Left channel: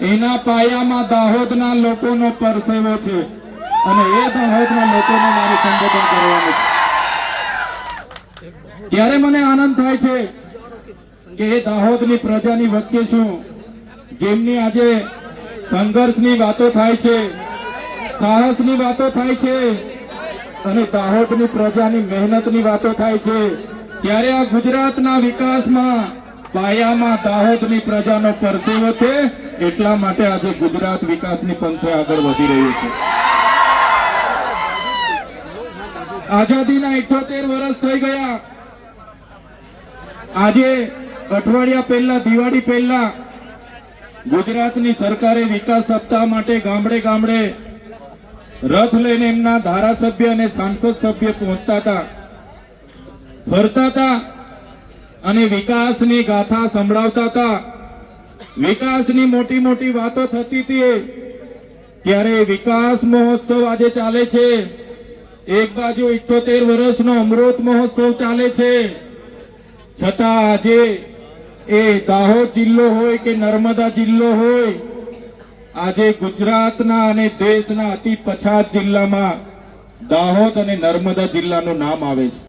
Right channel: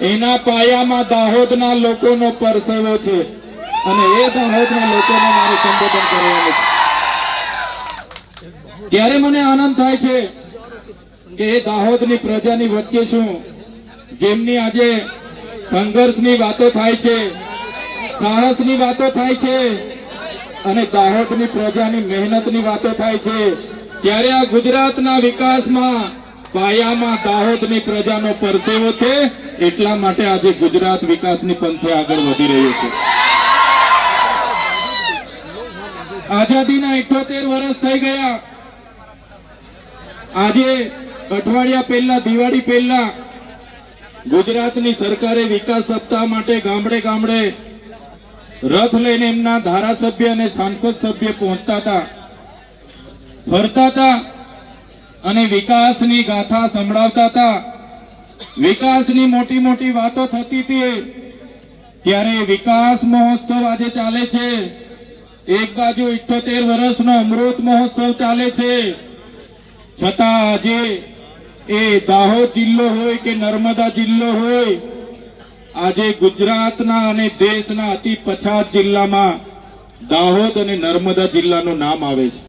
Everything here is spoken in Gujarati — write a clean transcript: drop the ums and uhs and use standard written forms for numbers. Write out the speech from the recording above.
એના પાયામાં દાહોદના લોકોનો પરસેવો છે અને એ દાહોદના લોકોને મારે સંબોધન કરવાનું છે। ત્યારે મને આનંદ થાય છે કે એ દાહોદની પ્રજાની વચ્ચે છું, જેમની આજે સંઘર્ષની વાતો થાય છે, સાહસની વાતો થાય છે અને દાહોદની પ્રજાની મહેનતની વાતો થાય છે। ત્યારે આ ગુજરાતના વિકાસમાં પાયામાં દાહોદની પ્રજાનો પરસેવો છે, એટલા માટે આજે ગુજરાત વિકાસની પંથે આગળ વધી રહ્યું છે। આઝાદીના 78 વર્ષ થઈ ગયા। આજે અઠવાડિયા પહેલા, દિવાળી પહેલા ગુજરાતની સરકારે વિકાસ સપ્તાહ માટે ગામડે ગામડે રથ લઈને એમના ધારાસભ્ય અને સાંસદ સભ્ય પહોંચતા હતા, ફરતા હતા અને વિકાસની ગાથા સંભળાવતા હતા, વિકાસની મોટી મોટી વાતો થતી હતી। ત્યારે વિકાસ મહોત્સવ આજે ચાલે છે। એક બાજુ 78 વર્ષનો અમૃત મહોત્સવ ચાલે છે, છતાં આજે એ દાહોદ જિલ્લો હોય કે નર્મદા જિલ્લો હોય, આજે ગુજરાતના અને દેશના અતિ પછાત જિલ્લામાં દાહોદ અને નર્મદા જિલ્લાનું નામ આવે છે।